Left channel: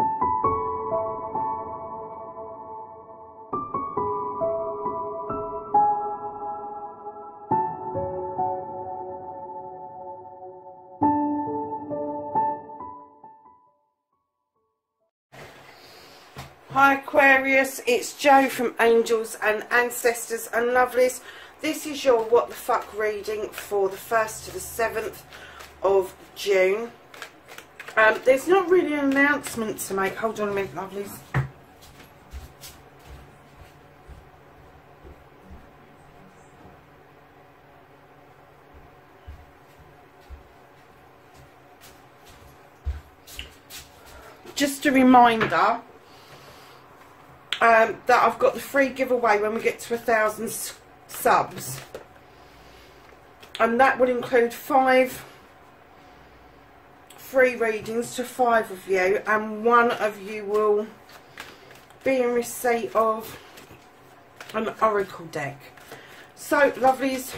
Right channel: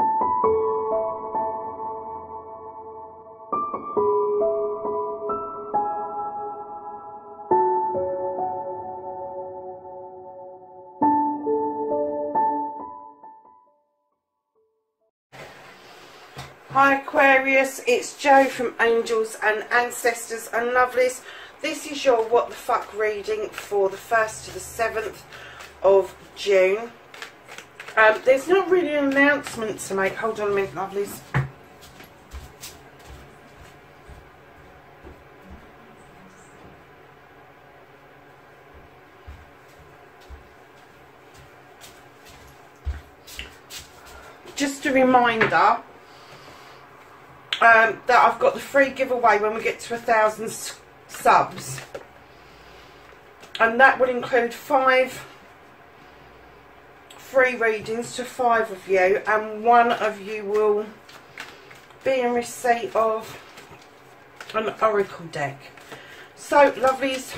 Hi Aquarius, it's Jo from Angels and Ancestors and Lovelies. This is your what the fuck reading for the 1st to the 7th of June. There's not really an announcement to make. Hold on a minute, lovelies. Just a reminder that I've got the free giveaway when we get to 1,000 subs, and that will include 5 free readings to 5 of you, and 1 of you will be in receipt of an oracle deck. So lovelies,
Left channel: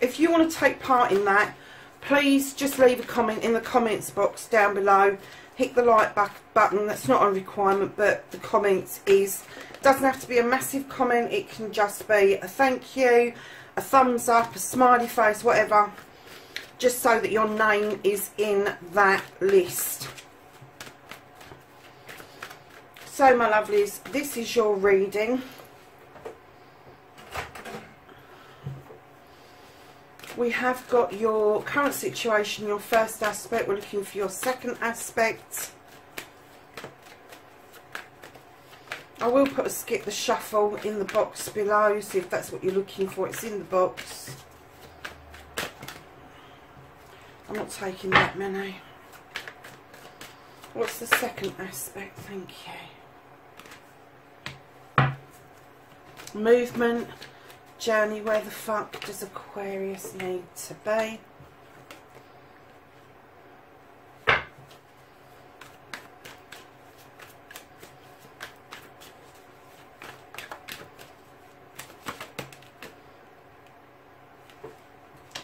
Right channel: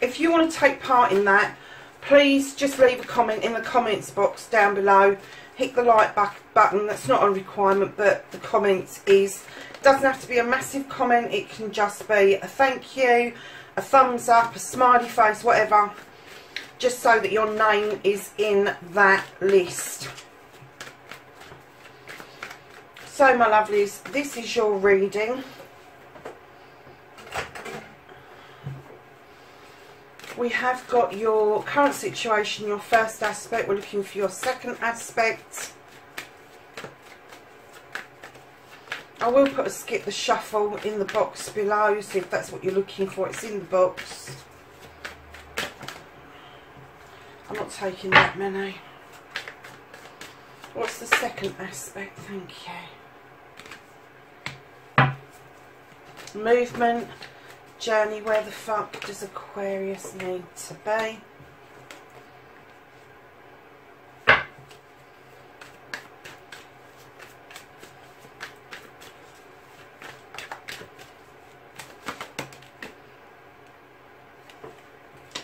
if you want to take part in that, please just leave a comment in the comments box down below. Hit the like button. That's not a requirement, but the comments is. Doesn't have to be a massive comment. It can just be a thank you, a thumbs up, a smiley face, whatever, just so that your name is in that list. So my lovelies, this is your reading. We have got your current situation, your first aspect. We're looking for your second aspect. I will put a skip the shuffle in the box below, so if that's what you're looking for, it's in the box. I'm not taking that many. What's the second aspect? Thank you. Movement. Journey. Where the fuck does Aquarius need to be?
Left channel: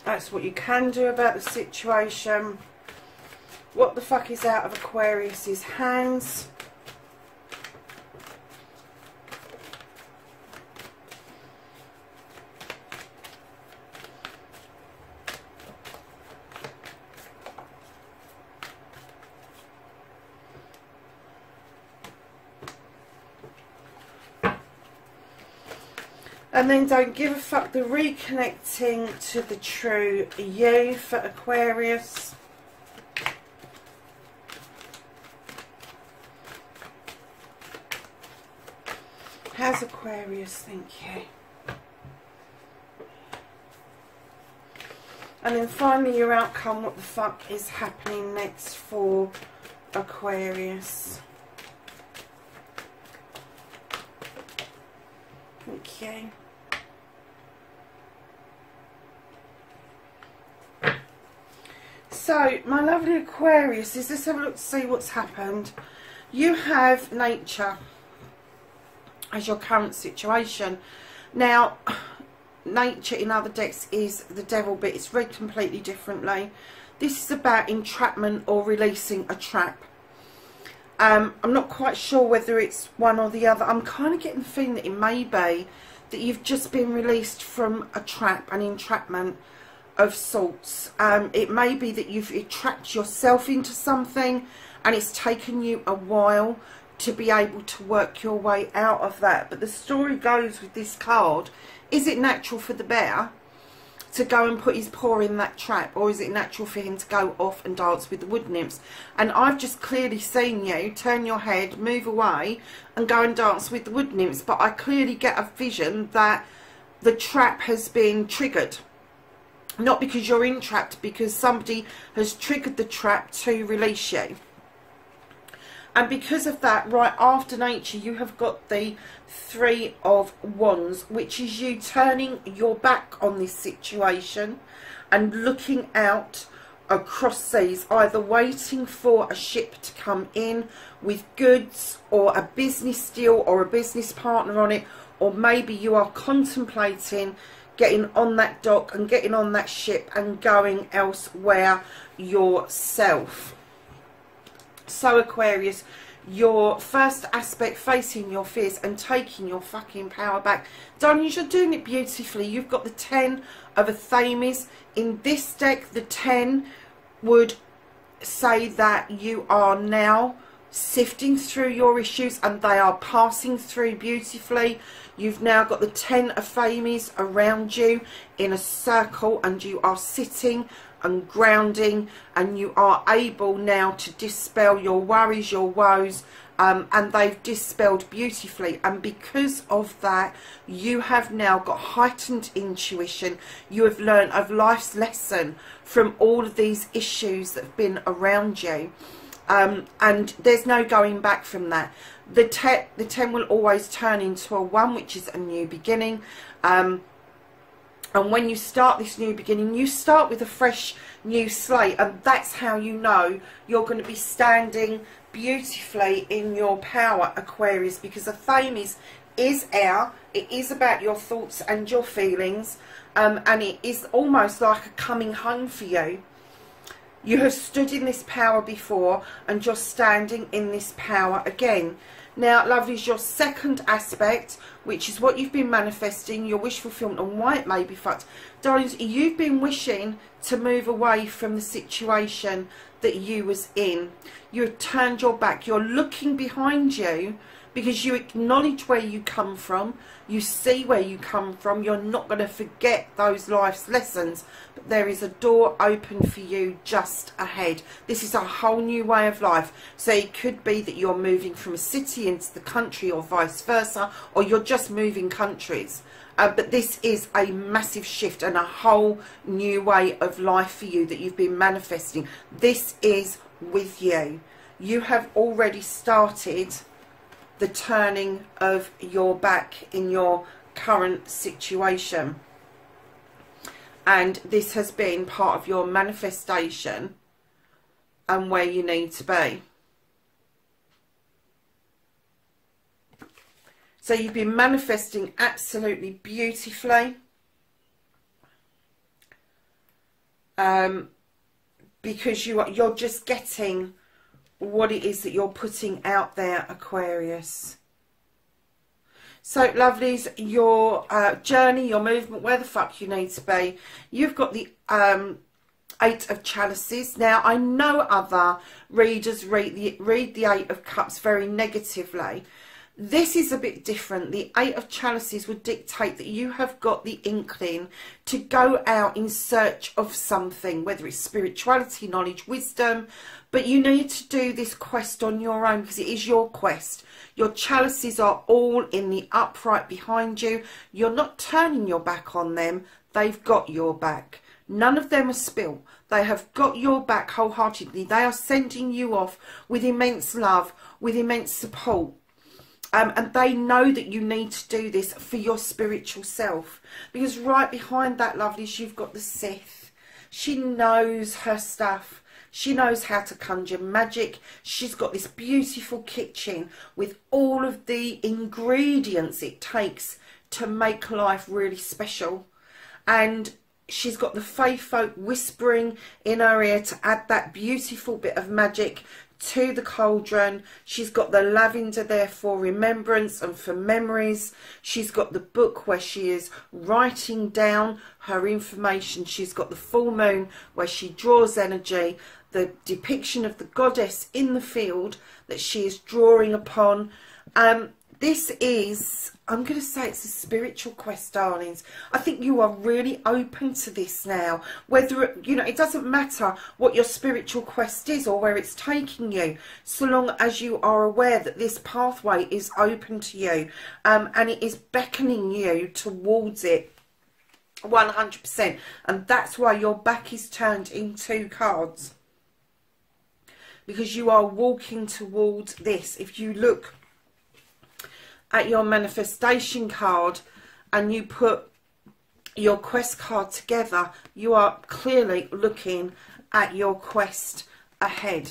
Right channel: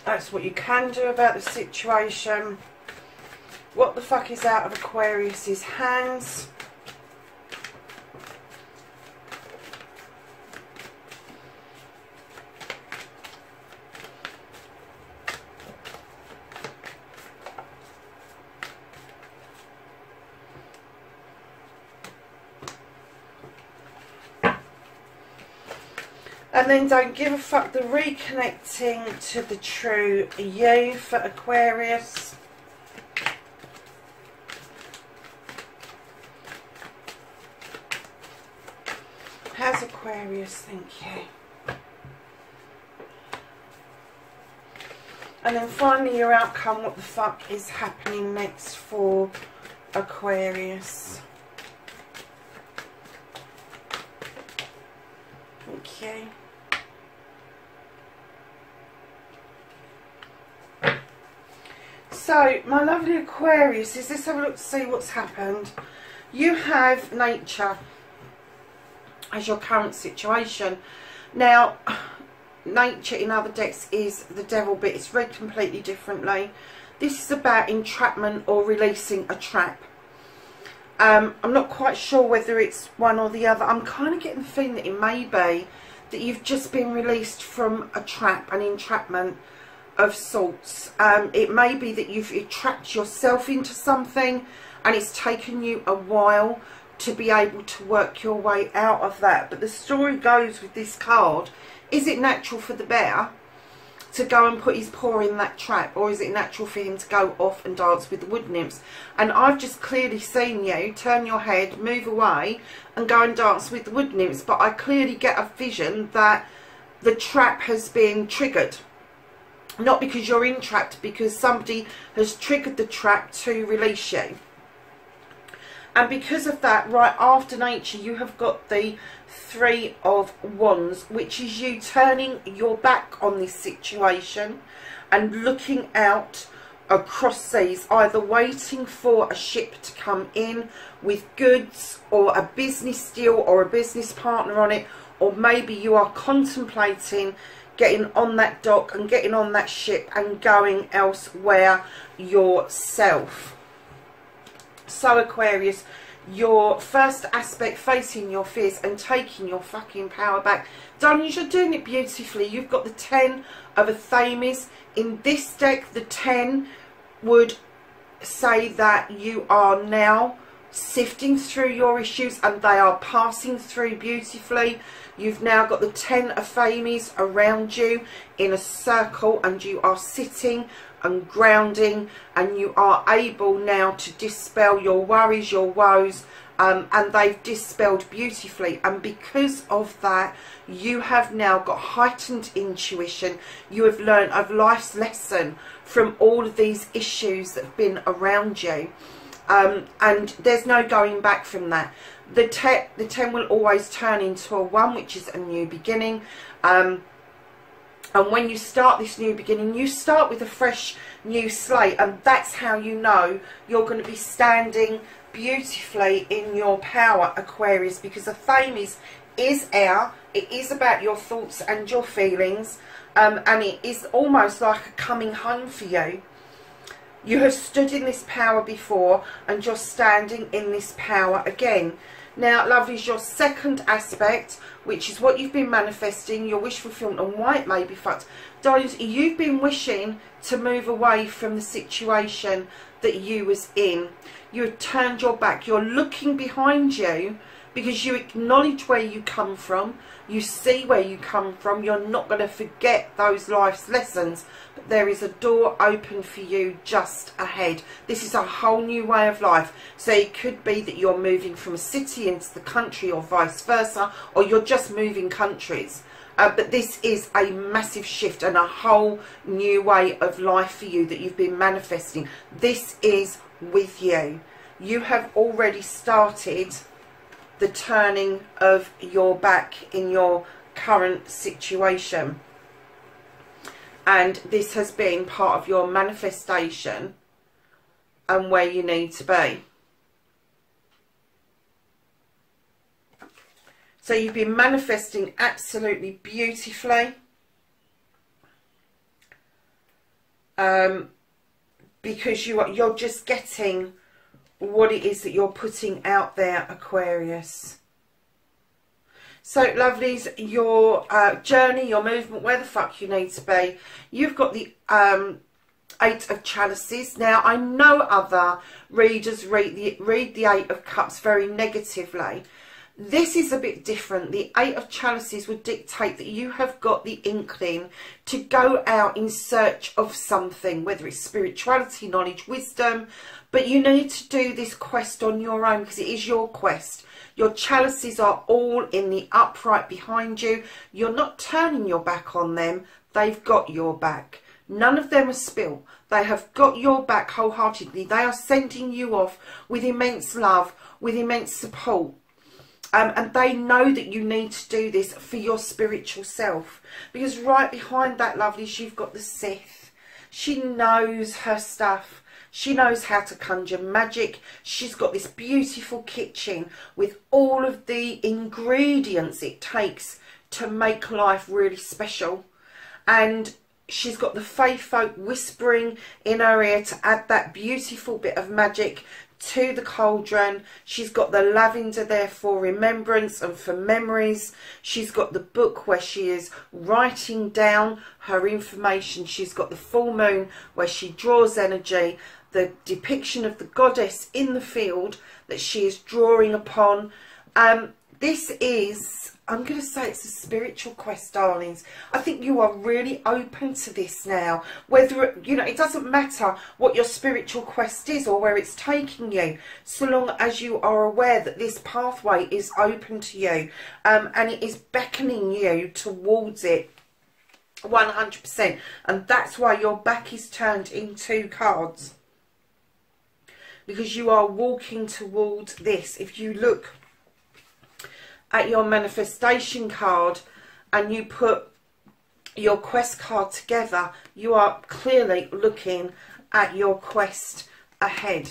That's what you can do about the situation. What the fuck is out of Aquarius's hands? And then don't give a fuck, the reconnecting to the true you for Aquarius. How's Aquarius? Thank you. And then finally your outcome, what the fuck is happening next for Aquarius. Thank you. So, my lovely Aquarius, let's have a look to see what's happened. You have nature as your current situation. Now, nature in other decks is the devil, but it's read completely differently. This is about entrapment or releasing a trap. I'm not quite sure whether it's one or the other. I'm kind of getting the feeling that it may be that you've just been released from a trap, an entrapment of sorts. It may be that you've trapped yourself into something and it's taken you a while to be able to work your way out of that. But the story goes with this card, is it natural for the bear to go and put his paw in that trap, or is it natural for him to go off and dance with the wood nymphs? And I've just clearly seen you turn your head, move away and go and dance with the wood nymphs, but I clearly get a vision that the trap has been triggered. Not because you're entrapped, because somebody has triggered the trap to release you. And because of that, right after nature, you have got the 3 of Wands, which is you turning your back on this situation and looking out across seas, either waiting for a ship to come in with goods or a business deal or a business partner on it, or maybe you are contemplating getting on that dock and getting on that ship and going elsewhere yourself. So Aquarius, your first aspect, facing your fears and taking your fucking power back. Darlings, you're doing it beautifully. You've got the 10 of Athames. In this deck, the 10 would say that you are now sifting through your issues and they are passing through beautifully. You've now got the 10 of Athames around you in a circle, and you are sitting and grounding, and you are able now to dispel your worries, your woes, and they've dispelled beautifully. And because of that, you have now got heightened intuition. You have learned of life's lesson from all of these issues that have been around you, and there's no going back from that. The 10 will always turn into a 1, which is a new beginning. And when you start this new beginning, you start with a fresh new slate, and that's how you know you're going to be standing beautifully in your power, Aquarius, because Athames is air. It is about your thoughts and your feelings, and it is almost like a coming home for you. You have stood in this power before, and you're standing in this power again. Now, lovelies, your second aspect, which is what you've been manifesting, your wish fulfillment, and why it may be fucked. Darlings, you've been wishing to move away from the situation that you was in. You've turned your back. You're looking behind you because you acknowledge where you come from. You see where you come from. You're not going to forget those life's lessons. But there is a door open for you just ahead. This is a whole new way of life. So it could be that you're moving from a city into the country, or vice versa, or you're just moving countries. But this is a massive shift and a whole new way of life for you that you've been manifesting. This is with you. You have already started the turning of your back in your current situation, and this has been part of your manifestation and where you need to be. So you've been manifesting absolutely beautifully, because you're just getting what it is that you're putting out there, Aquarius. So, lovelies, your journey, your movement, where the fuck you need to be. You've got the 8 of Chalices. Now, I know other readers read the 8 of Cups very negatively. This is a bit different. The 8 of Chalices would dictate that you have got the inkling to go out in search of something, whether it's spirituality, knowledge, wisdom, but you need to do this quest on your own because it is your quest. Your chalices are all in the upright behind you. You're not turning your back on them. They've got your back. None of them are spilt. They have got your back wholeheartedly. They are sending you off with immense love, with immense support. And they know that you need to do this for your spiritual self. Because right behind that, lovelies, you've got the Sith. She knows her stuff. She knows how to conjure magic. She's got this beautiful kitchen with all of the ingredients it takes to make life really special. And she's got the fae folk whispering in her ear to add that beautiful bit of magic to the cauldron. She's got the lavender there for remembrance and for memories. She's got the book where she is writing down her information. She's got the full moon where she draws energy, the depiction of the goddess in the field that she is drawing upon. This is, I'm going to say it's a spiritual quest, darlings. I think you are really open to this now. Whether, you know, it doesn't matter what your spiritual quest is or where it's taking you, so long as you are aware that this pathway is open to you, and it is beckoning you towards it 100%. And that's why your back is turned in 2 cards. Because you are walking towards this. If you look at your manifestation card and you put your quest card together, you are clearly looking at your quest ahead.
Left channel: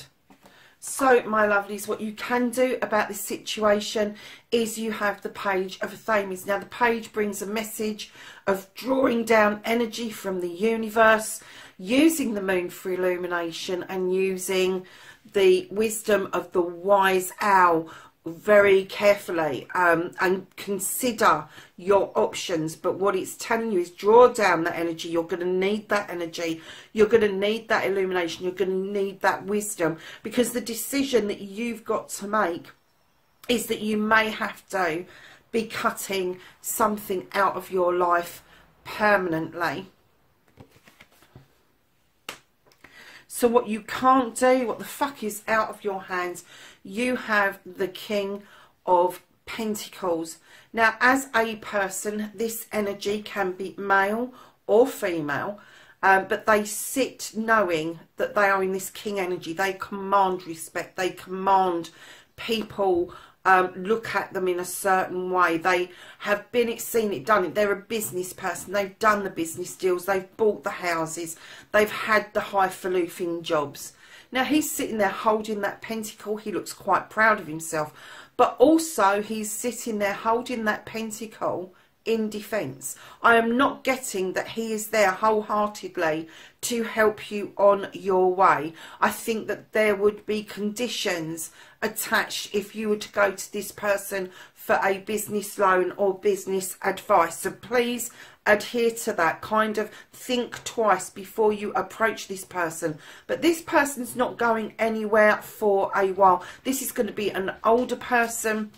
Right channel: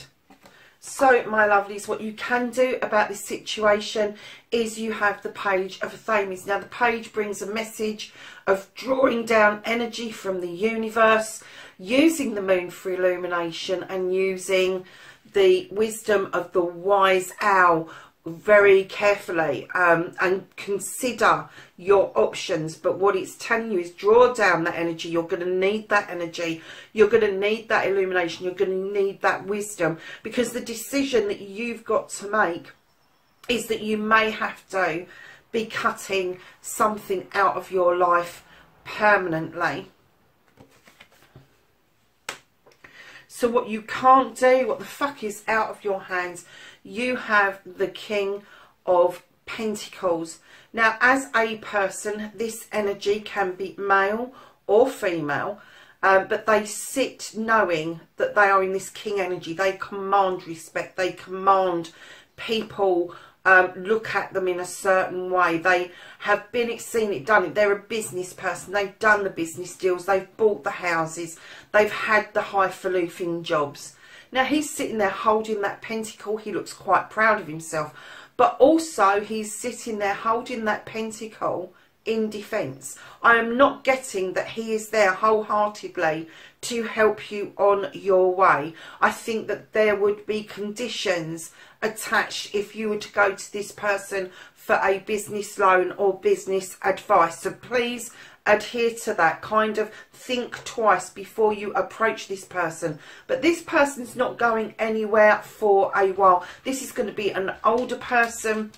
So, my lovelies, what you can do about this situation is you have the Page of Athames. Now, the page brings a message of drawing down energy from the universe, using the moon for illumination, and using the wisdom of the wise owl very carefully, and consider your options. But what it's telling you is draw down that energy. You're going to need that energy. You're going to need that illumination. You're going to need that wisdom, because the decision that you've got to make is that you may have to be cutting something out of your life permanently. So what you can't do, what the fuck is out of your hands, you have the King of Pentacles. Now, as a person, this energy can be male or female, but they sit knowing that they are in this King energy. They command respect. They command people look at them in a certain way. They have seen it, done it. They're a business person. They've done the business deals. They've bought the houses. They've had the highfalutin jobs. Now, he's sitting there holding that pentacle. He looks quite proud of himself. But also, he's sitting there holding that pentacle in defence. I am not getting that he is there wholeheartedly to help you on your way. I think that there would be conditions attached if you were to go to this person for a business loan or business advice. So please adhere to that. Kind of think twice before you approach this person. But this person's not going anywhere for a while. This is going to be an older person.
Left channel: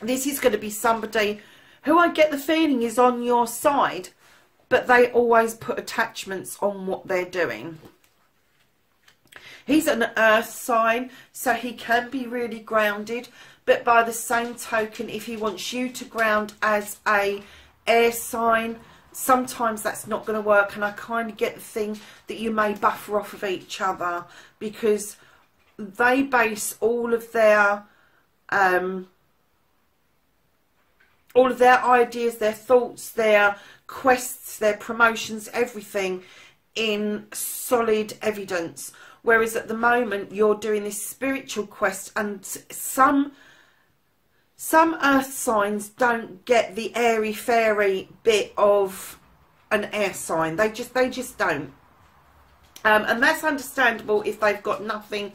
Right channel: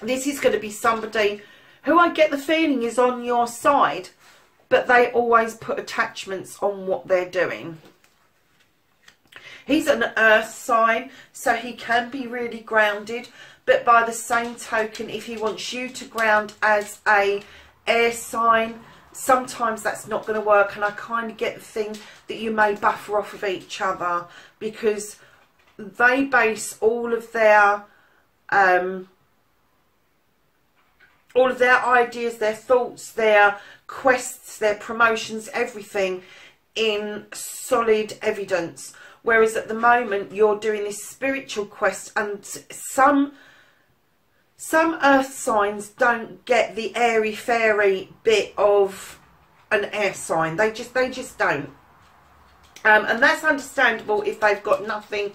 This is going to be somebody who I get the feeling is on your side, but they always put attachments on what they're doing. He's an earth sign, so he can be really grounded, but by the same token, if he wants you to ground as a air sign, sometimes that's not going to work. And I kind of get the thing that you may buffer off of each other, because they base all of their ideas, their thoughts, their quests, their promotions, everything in solid evidence. Whereas at the moment you're doing this spiritual quest, and some earth signs don't get the airy fairy bit of an air sign. They just don't. And that's understandable if they've got nothing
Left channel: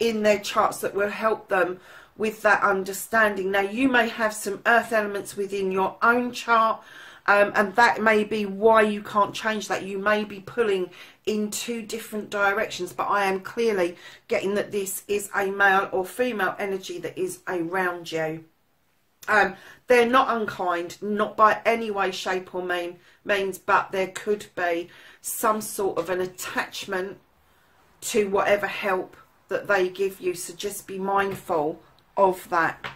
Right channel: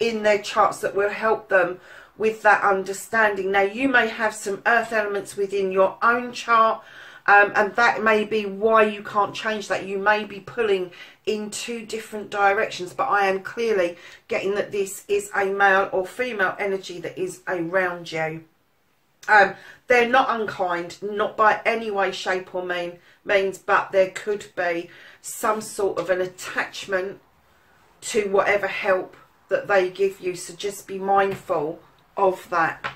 in their charts that will help them with that understanding. Now, you may have some earth elements within your own chart, and that may be why you can't change that. You may be pulling in two different directions, but I am clearly getting that this is a male or female energy that is around you. They're not unkind, not by any way, shape or means, but there could be some sort of an attachment to whatever help that they give you. So just be mindful of that.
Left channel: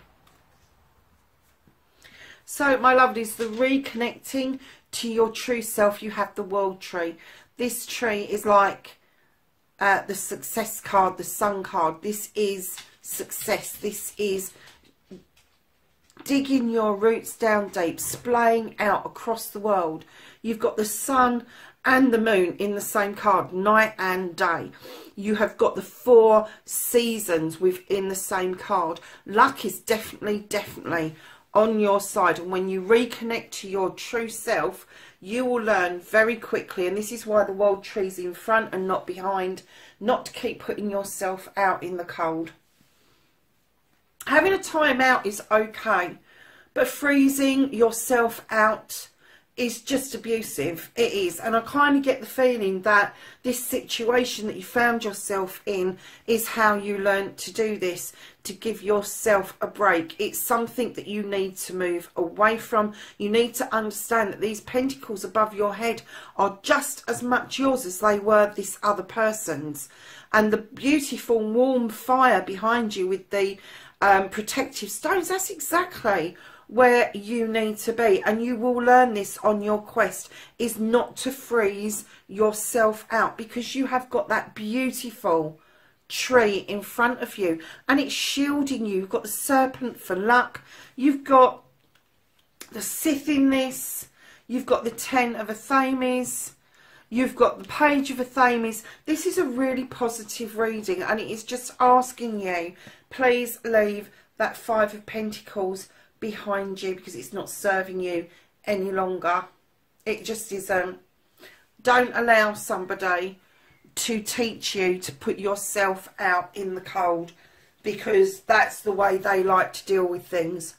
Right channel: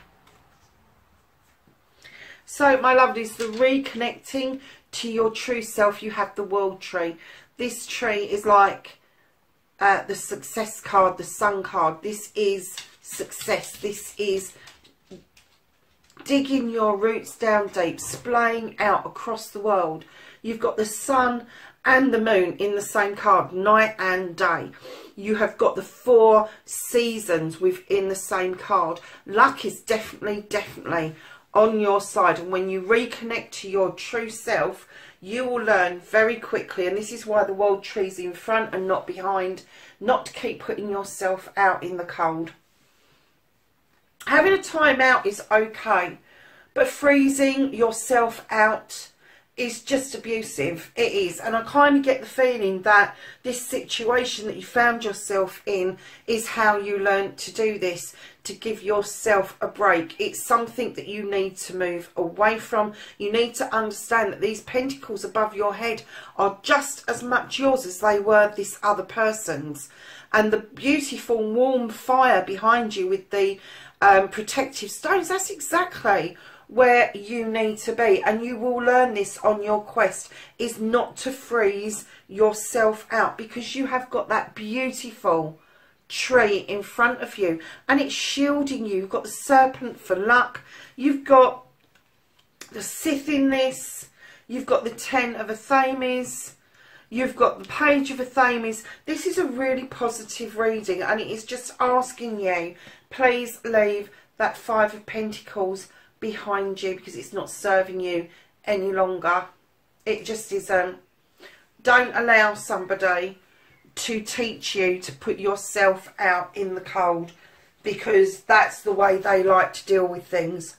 So, my lovelies, the reconnecting to your true self, you have the World Tree. This tree is like the Success card, the Sun card. This is success. This is digging your roots down deep, splaying out across the world. You've got the Sun and the Moon in the same card, night and day. You have got the 4 seasons within the same card. Luck is definitely on your side. And when you reconnect to your true self, you will learn very quickly, and this is why the World Tree's in front and not behind, not to keep putting yourself out in the cold. Having a time out is okay, but freezing yourself out is just abusive. It is. And I kind of get the feeling that this situation that you found yourself in is how you learned to do this, to give yourself a break. It's something that you need to move away from. You need to understand that these pentacles above your head are just as much yours as they were this other person's. And the beautiful warm fire behind you with the protective stones, that's exactly where you need to be. And you will learn this on your quest, is not to freeze yourself out, because you have got that beautiful tree in front of you and it's shielding you. You've got the Serpent for luck, you've got the Sith in this, you've got the 10 of Athames, you've got the Page of Athames. This is a really positive reading, and it is just asking you, please leave that 5 of Pentacles behind you, because it's not serving you any longer. It just isn't. Don't allow somebody to teach you to put yourself out in the cold, because that's the way they like to deal with things.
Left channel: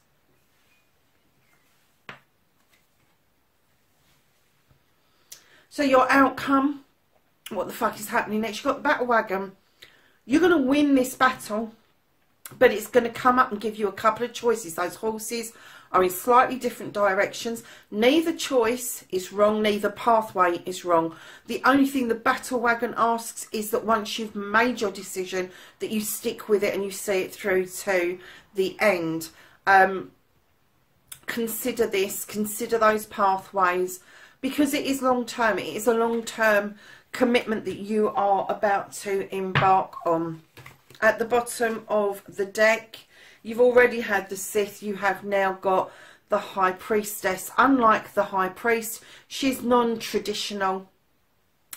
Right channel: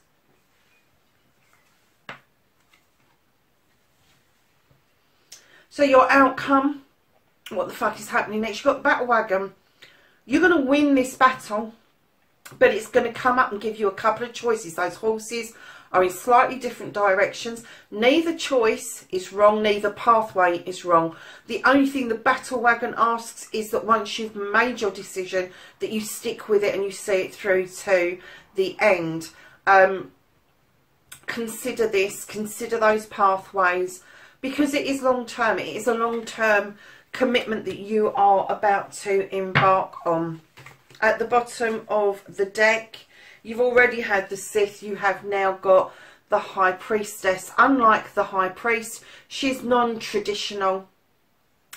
So your outcome, what the fuck is happening next? You've got the battle wagon. You're going to win this battle, but it's going to come up and give you a couple of choices. Those horses are in slightly different directions. Neither choice is wrong, neither pathway is wrong. The only thing the battle wagon asks is that once you've made your decision, that you stick with it and you see it through to the end. Consider this, consider those pathways, because it is long term. It is a long term commitment that you are about to embark on. At the bottom of the deck, you've already had the Sith. You have now got the High Priestess. Unlike the High Priest, she's non-traditional.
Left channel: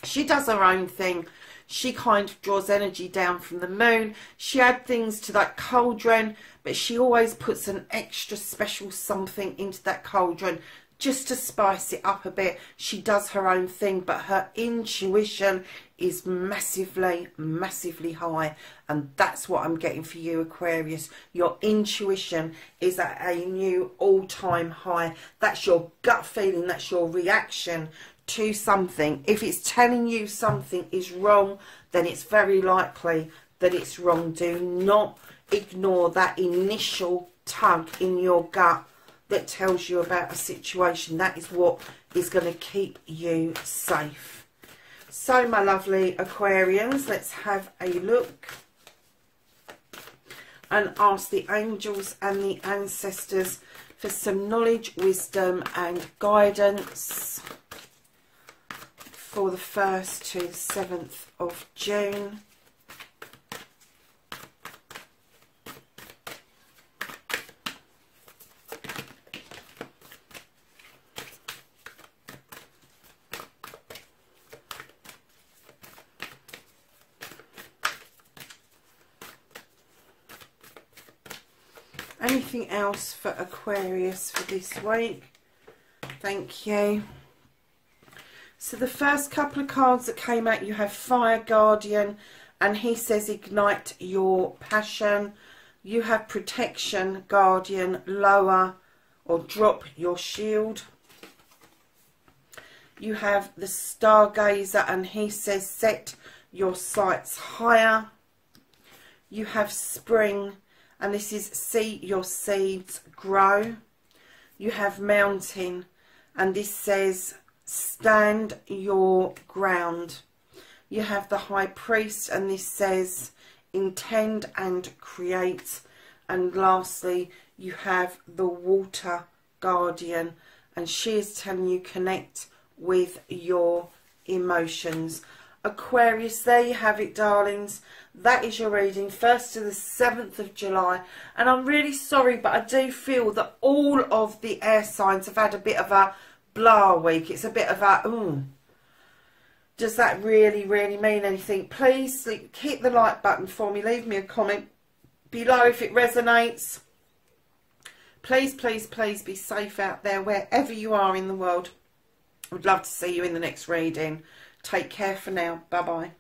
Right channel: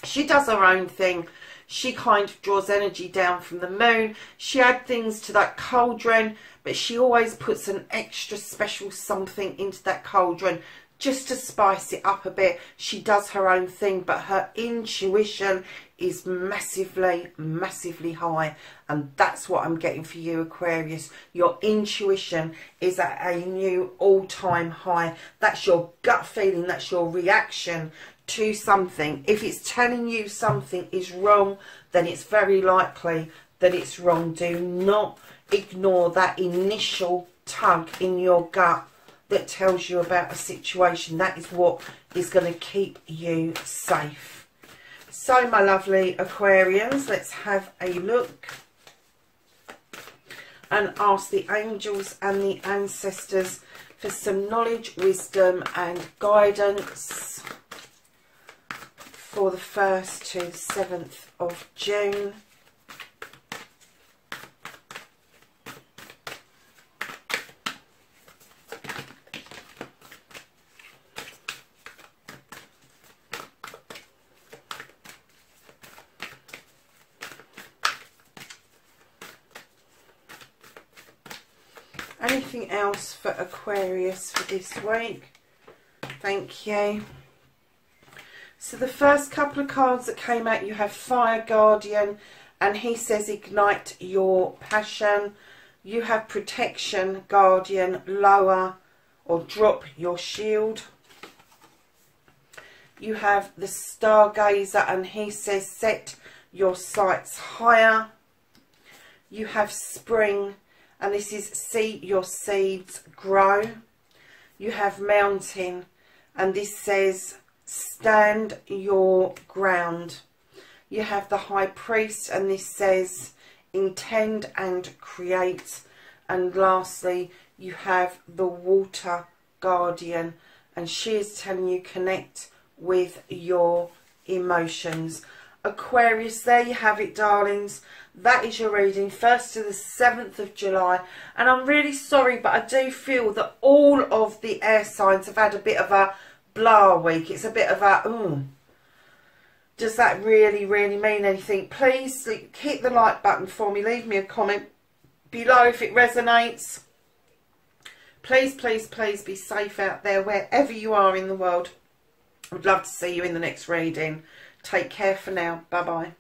She does her own thing. She kind of draws energy down from the moon. She adds things to that cauldron, but she always puts an extra special something into that cauldron just to spice it up a bit. She does her own thing, but her intuition is massively, massively high. And that's what I'm getting for you, Aquarius. Your intuition is at a new all-time high. That's your gut feeling. That's your reaction to something. If it's telling you something is wrong, then it's very likely that it's wrong. Do not ignore that initial tug in your gut that tells you about a situation. That is what is going to keep you safe. So, my lovely Aquarians, let's have a look and ask the angels and the ancestors for some knowledge, wisdom and guidance for the 1st to 7th of June. Anything else for Aquarius for this week? Thank you. So the first couple of cards that came out, you have Fire Guardian, and he says ignite your passion. You have Protection Guardian, lower or drop your shield. You have the Stargazer, and he says set your sights higher. You have Spring, and this is see your seeds grow. You have Mountain, and this says stand your ground. You have the High Priest, and this says intend and create. And lastly, you have the Water Guardian, and she is telling you connect with your emotions. Aquarius, there you have it, darlings. That is your reading, 1st to the 7th of July. And I'm really sorry, but I do feel that all of the air signs have had a bit of a blah week. It's a bit of a, does that really, really mean anything? Please hit the like button for me. Leave me a comment below if it resonates. Please, please, please be safe out there, wherever you are in the world. I would love to see you in the next reading. Take care for now. Bye-bye.